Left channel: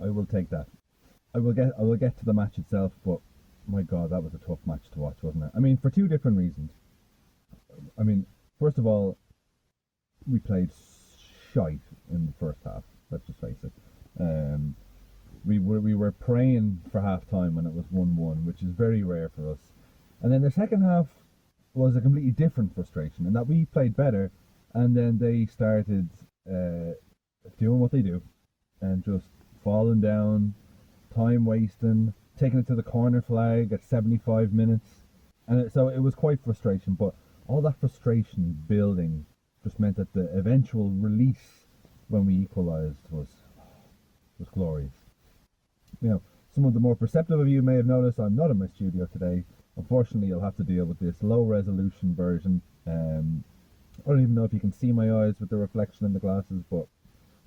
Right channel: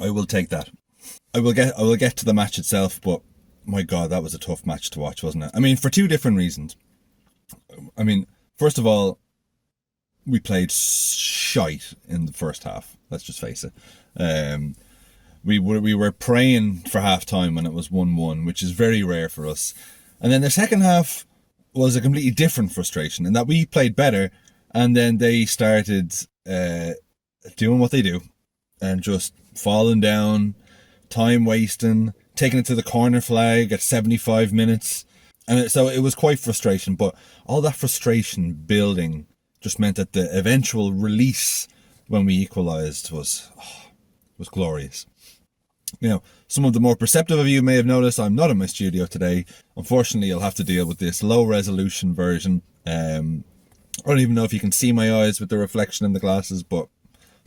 I will take that. I will get to the match itself, but my God, that was a tough match to watch, wasn't it? I mean, for two different reasons. I mean, first of all, we played shite in the first half. Let's just face it. Um, we were praying for half time when it was 1-1, which is very rare for us. And then the second half was a completely different frustration in that we played better, and then they started doing what they do and just falling down, time wasting, taking it to the corner flag at 75 minutes. So it was quite frustration, but all that frustration building just meant that the eventual release when we equalised was glorious. You know, some of the more perceptive of you may have noticed I'm not in my studio today. Unfortunately, you'll have to deal with this low resolution version. I don't even know if you can see my eyes with the reflection in the glasses, but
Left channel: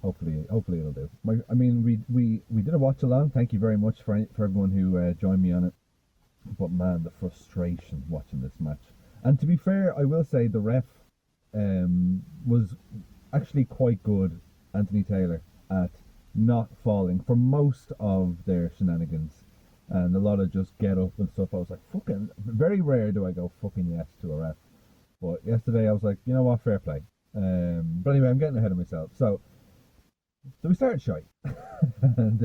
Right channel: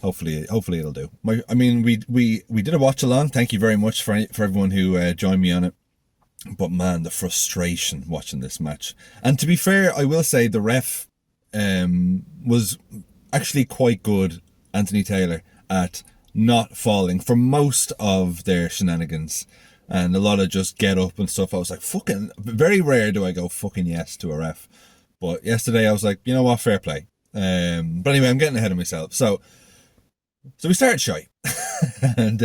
hopefully it'll do. We did a watch along. Thank you very much for everyone who joined me on it. But man, the frustration watching this match. And to be fair, I will say the ref was actually quite good, Anthony Taylor, at not falling for most of their shenanigans and a lot of just get up and stuff. I was like, fucking, very rare do I go fucking yes to a ref. But yesterday I was like, you know what, fair play. But anyway, I'm getting ahead of myself. So we started shy. And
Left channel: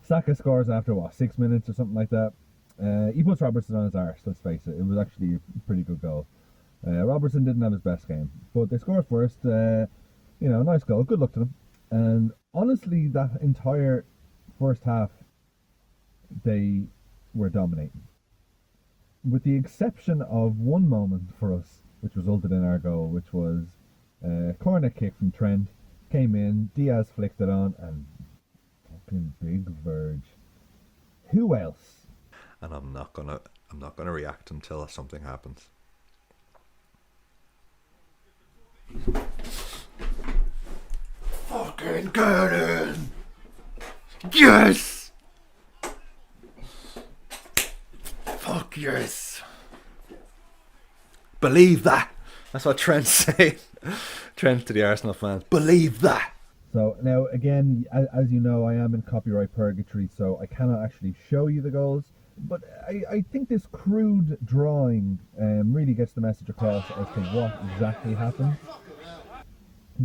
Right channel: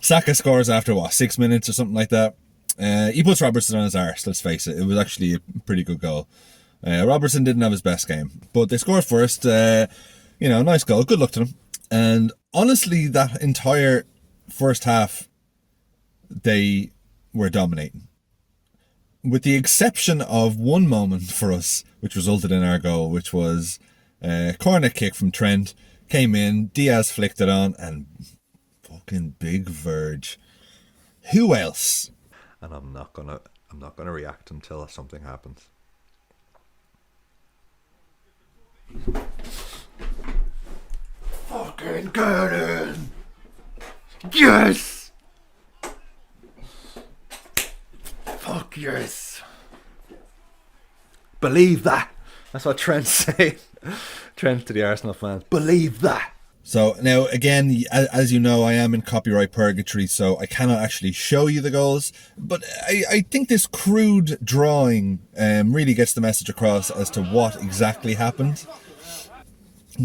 Saka scores after 6 minutes or something like that. He puts Robertson on his arse, let's face it. It was actually a pretty good goal. Robertson didn't have his best game, but they scored first. Nice goal. Good luck to them. And honestly, that entire first half, they were dominating. With the exception of one moment for us, which resulted in our goal, which was a corner kick from Trent. Came in, Diaz flicked it on, and fucking big Verge. Who else? And I'm not gonna react until something happens. Fucking Cannon! Yes! Fuck yes! Believe that! That's what Trent's saying. Trent to the Arsenal fans. Believe that! So now again, as you know, I am in copyright purgatory, so I cannot actually show you the goals. But I think this crude drawing really gets the message across as to what exactly happened.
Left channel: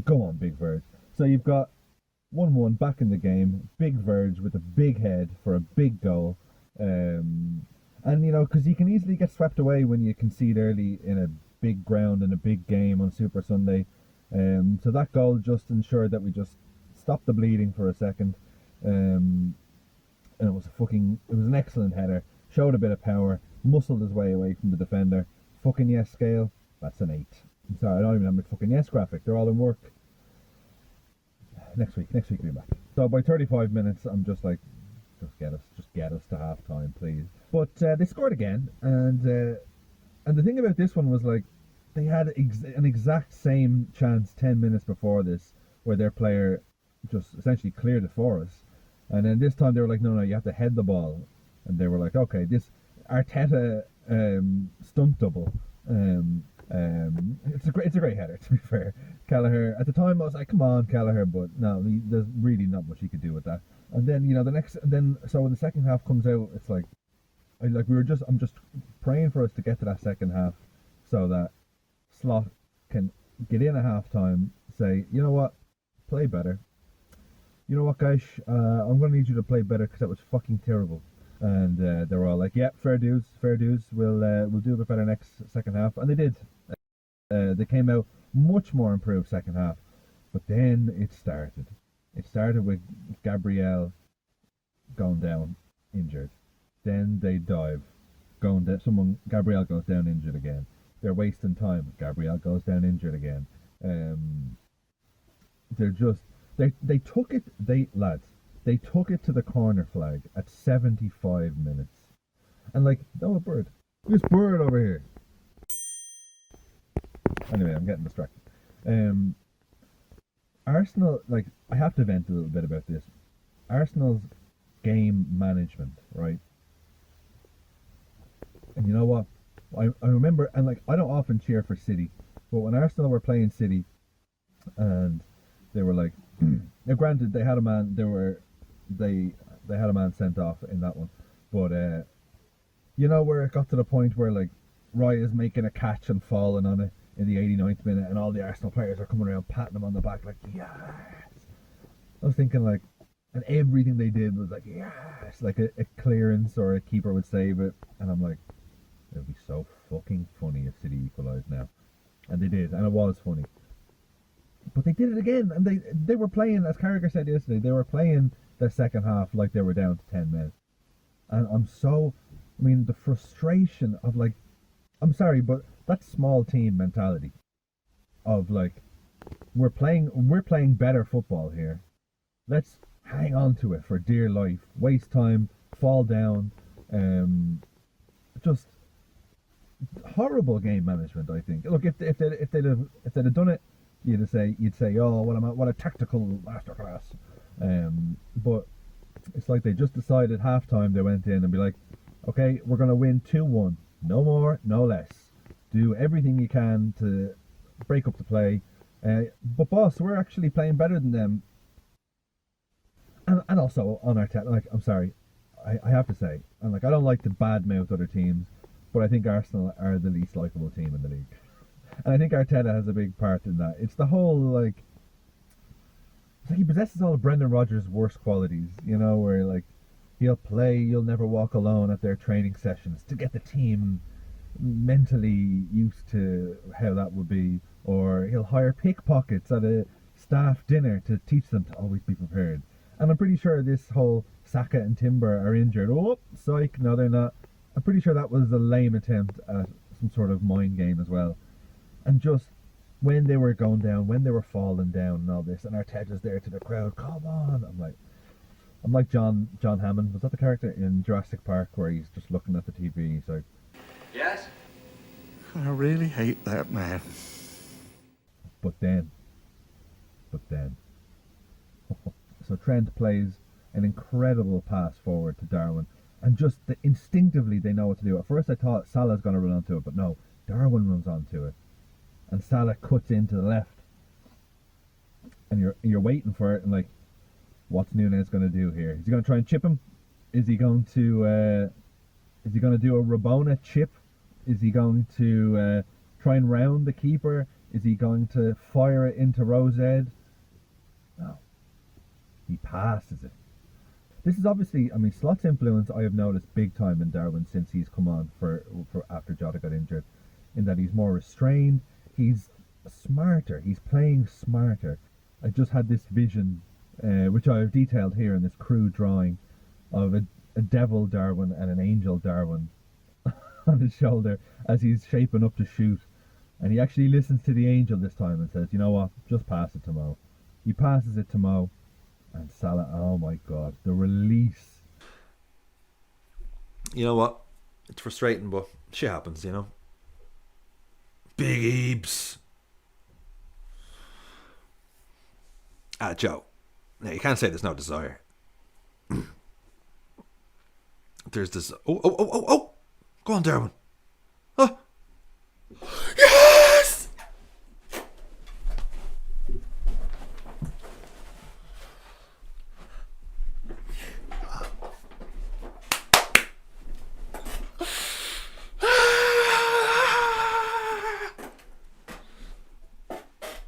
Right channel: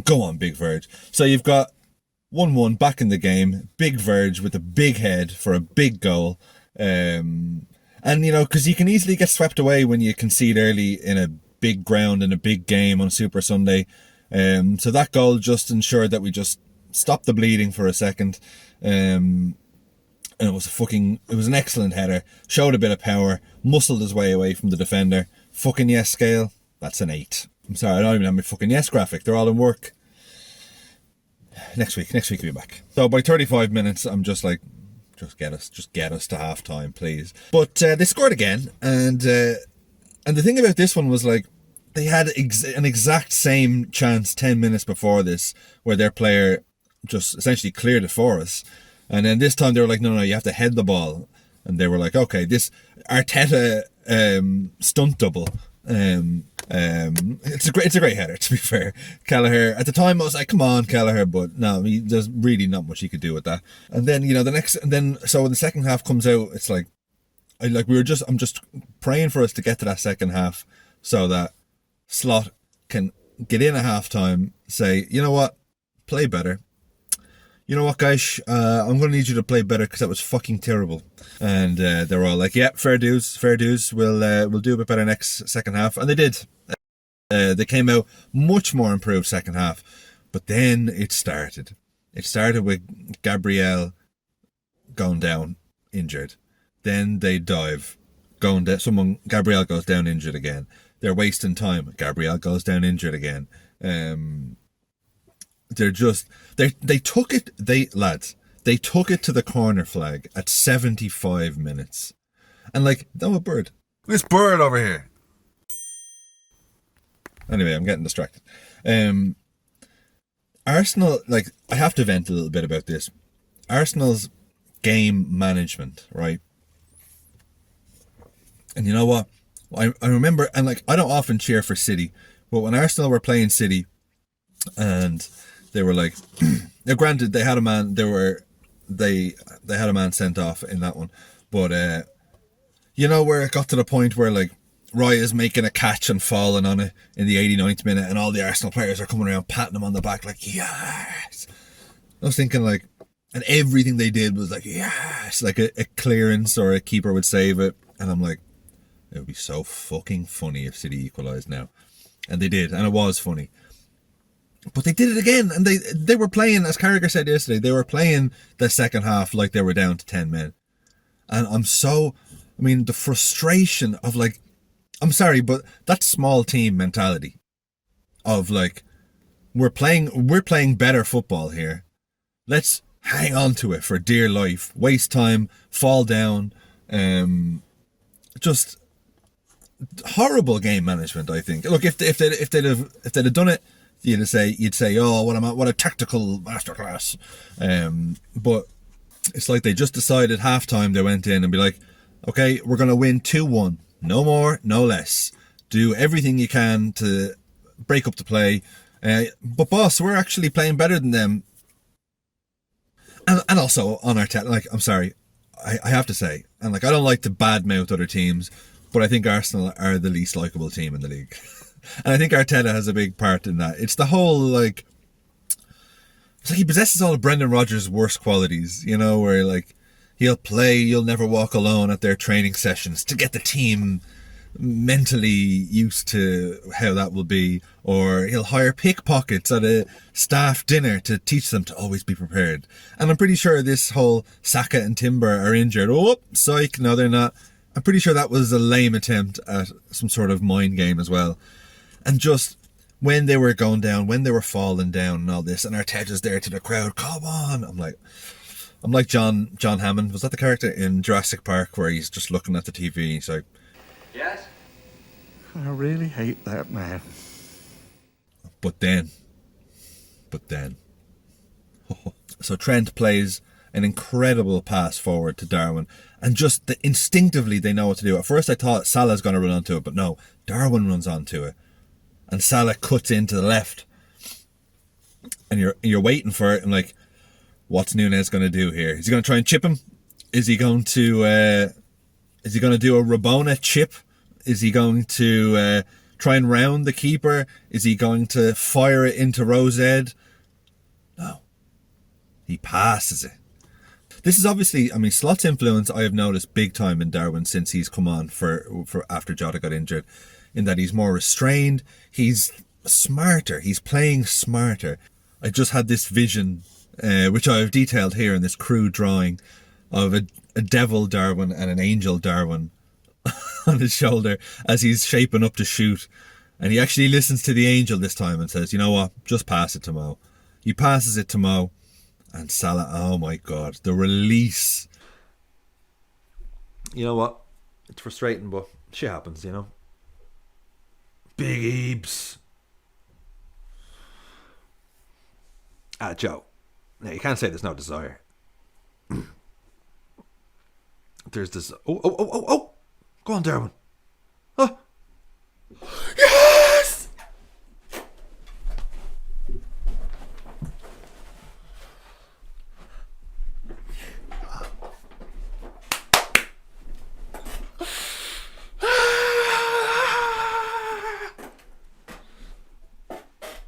Go on, Big Verge. So you've got 1-1 back in the game. Big Verge with a big head for a big goal. And, because you can easily get swept away when you concede early in a big ground in a big game on Super Sunday. So that goal just ensured that we just stopped the bleeding for a second. And it was an excellent header. Showed a bit of power. Muscled his way away from the defender. Fucking yes scale. That's an 8. I'm sorry, I don't even have my fucking yes graphic. They're all in work. Next week we'll be back. So by 35 minutes, I'm just like, just get us to half time, please. But they scored again, and the thing about this one was like, they had an exact same chance 10 minutes before this, where their player just essentially cleared it for us. And then this time they were like, no, you have to head the ball. And they were like, okay, this Arteta stunt double. It's a great header, to be fair. Kelleher, at the time I was like, come on, Kelleher, but no, there's really not much he could do with that. And then so when the second half comes out, it's like, I'm just praying for us to get to that second half so that Slot can get in at half time, say, you know what, play better. You know what, guys, I'm going to need you to play better because that was fucking terrible. And they're all like, yeah, fair dues, we'll do a bit better next second half. And they did. They came out much more improved second half. But then it started. It started with Gabriel going down, injured. Then they dive, going down. Gabriel goes down injured again. They're wasting time. Gabriel goes down injured again. They took it to the corner flag at 75 minutes. And no, a bird. This bird over here. Anyway, I'm getting distracted. Arsenal, I have to vent a little bit about this. Arsenal's game management, right? And you know what? I remember, and I don't often cheer for City, but when Arsenal were playing City, and they were now granted, they had a man, they were they had a man sent off in that one, but you know where it got to the point where like Raya's making a catch and falling on it in the 89th minute, and all the Arsenal players are coming around patting him on the back like yes. I was thinking like, and everything they did was like yes, like a clearance or a keeper would save it, and I'm like, it would be so fucking funny if City equalised now, and they did, and it was funny. But they did it again, and they were playing, as Carragher said yesterday, they were playing the second half like they were down to 10 men. And the frustration of like, I'm sorry, but that small team mentality of like, we're playing better football here. Let's hang on to it for dear life, waste time, fall down, just horrible game management. I think. Look, if they'd have done it, you'd say, oh, what a tactical masterclass. But it's like they just decided halftime they went in and be like, okay, we're gonna win 2-1, no more, no less. Do everything you can to break up the play. But boss, we're actually playing better than them. And also on Arteta, like, I'm sorry, I have to say, and like I don't like to badmouth other teams, but I think Arsenal are the least likeable team in the league. And I think Arteta has a big part in that. It's the whole, like, it's like he possesses all of Brendan Rodgers' worst qualities, you know, where, like, he'll play You'll Never Walk Alone at their training sessions to get the team mentally used to how that will be, or he'll hire pickpockets at a staff dinner to teach them to always be prepared. And I'm pretty sure this whole Saka and Timber are injured. Oh, psych, no, they're not. I'm pretty sure that was a lame attempt at some sort of mind game as well. And just when they were going down, when they were falling down and all this, and Arteta's there to the crowd, come on. I'm like John Hammond. Was that the character in Jurassic Park where he's just looking at the TV? He's like, yes? I really hate that man. But then. So Trent plays an incredible pass forward to Darwin, and just instinctively they know what to do. At first I thought Salah's going to run onto it, but no, Darwin runs onto it. And Salah cuts into the left, and you're waiting for it. And like, what's Nunez going to do here? Is he going to try and chip him? Is he going to do a Rabona chip? Is he going to try and round the keeper? Is he going to fire it into Rosed? No, he passes it. This is obviously, Slot's influence I have noticed big time in Darwin since he's come on for after Jota got injured, in that he's more restrained, he's smarter, he's playing smarter. I just had this vision, which I have detailed here in this crude drawing, of a devil Darwin and an angel Darwin on his shoulder as he's shaping up to shoot. And he actually listens to the angel this time and says, you know what, just pass it to Mo. He passes it to Mo. And Salah, oh my God, the release. You know what? It's frustrating, but shit happens, you know. Big Ebs. Joe. Now, you can't say there's no desire. There's this... Oh. Go on, Darwin. Oh. Yes!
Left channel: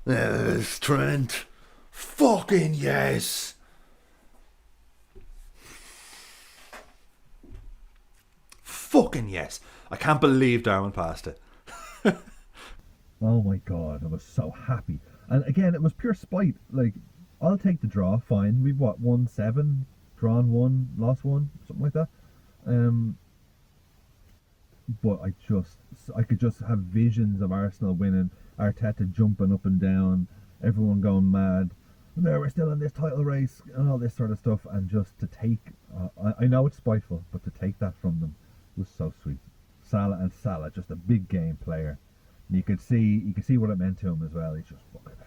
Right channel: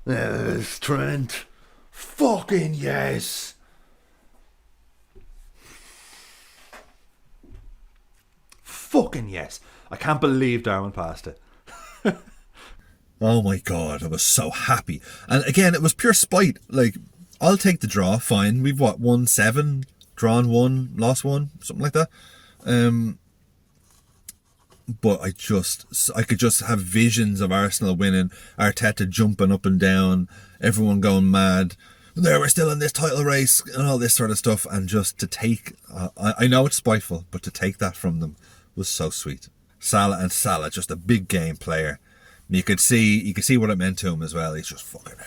Yes, Trent. Fucking yes. Fucking yes. I can't believe Darwin passed it. Oh my God, I was so happy. And again, it was pure spite. Like, I'll take the draw, fine. We've won 7, drawn 1, lost 1, something like that. But I could just have visions of Arsenal winning, Arteta jumping up and down, everyone going mad. There, we're still in this title race and all this sort of stuff. And just to take, I know it's spiteful, but to take that from them was so sweet. Salah, just a big game player. You could see what it meant to him as well. He's just fucking.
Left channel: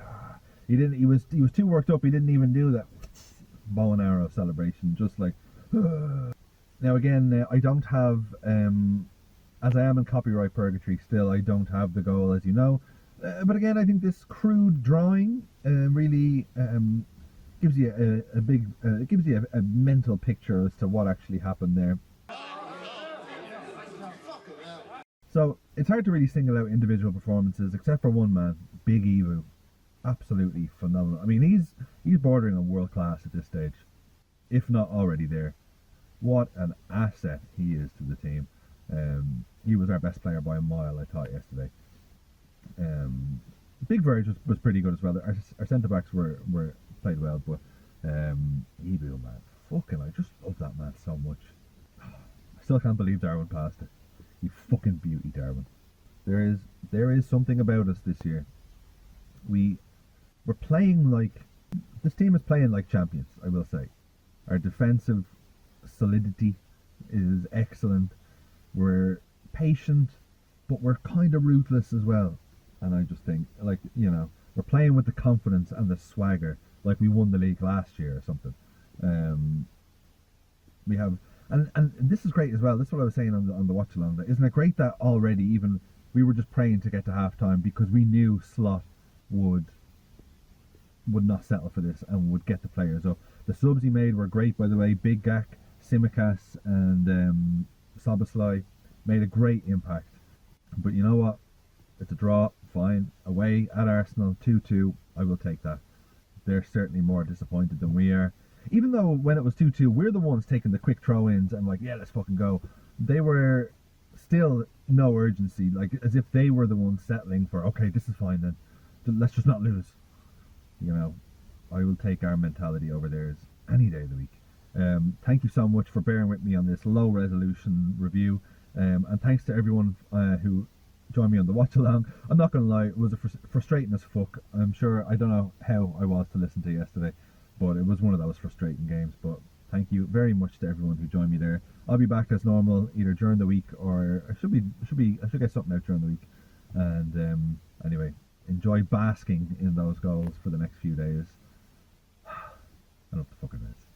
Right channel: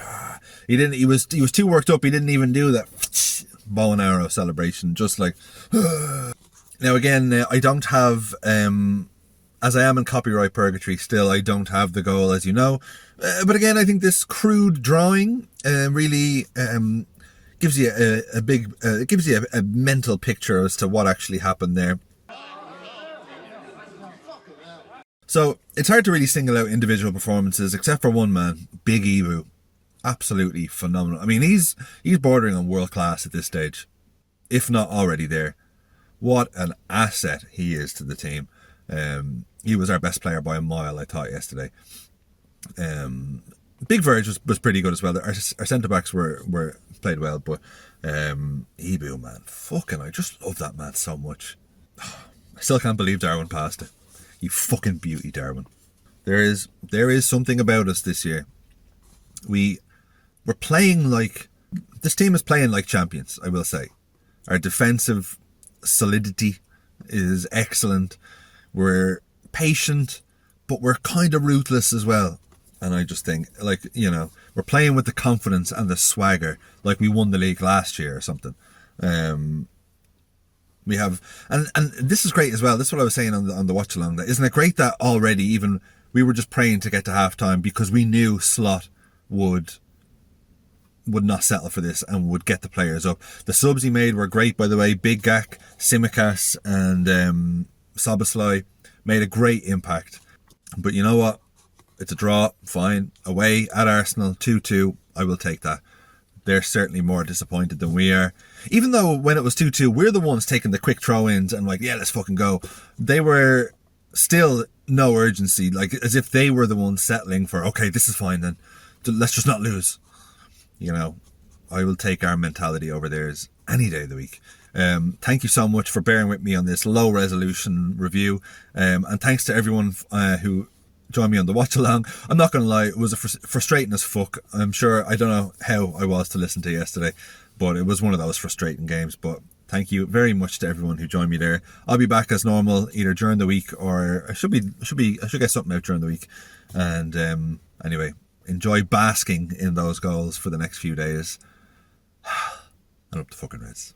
He was too worked up. He didn't even do that bow and arrow celebration. Just like. Now again, I don't have. As I am in copyright purgatory still, I don't have the goal, as you know. But again, I think this crude drawing really gives you a big, it gives you a mental picture as to what actually happened there. So it's hard to really single out individual performances, except for one man, Big Ibou. Absolutely phenomenal. I mean, he's bordering on world class at this stage, if not already there. What an asset he is to the team. He was our best player by a mile, I thought, yesterday. Big Verge was pretty good as well. Our centre backs were played well, but Ibou, man, fucking, I just love that man so much. I still can't believe Darwin passed it. You fucking beauty, Darwin. There is something about us this year. We're playing like, this team is playing like champions, I will say. Our defensive solidity is excellent. We're patient, but we're kind of ruthless as well. And I just think, like, you know, we're playing with the confidence and the swagger like we won the league last year or something. We have, and this is great as well. This is what I was saying on the watch along. That isn't it great that already, even we were just praying to get to half time because we knew Slot would not settle for this and would get the players up. The subs he made were great, by the way. Big Gak, Simicas, and Soboslai made a great impact. But you know what? It's a draw, fine. Away at Arsenal, 2-2. I will take that. They're certainly more disappointed than we are. Even though when it was 2-2, we're the ones taking the quick throw-ins and like, yeah, let's fucking go. They were still no urgency, like as if they were the ones settling for, okay, this is fine then. Let's just not lose. You know, I will take our mentality over theirs any day of the week. Thank you so much for bearing with me on this low resolution review. And thanks to everyone who joined me on the watch along. I'm not going to lie, it was frustrating as fuck. I'm sure, I don't know how I was to listen to yesterday, but it was one of those frustrating games. But thank you very much to everyone who joined me there. I'll be back as normal either during the week, or I should get something out during the week. And anyway, enjoy basking in those goals for the next few days. And up the fucking Reds.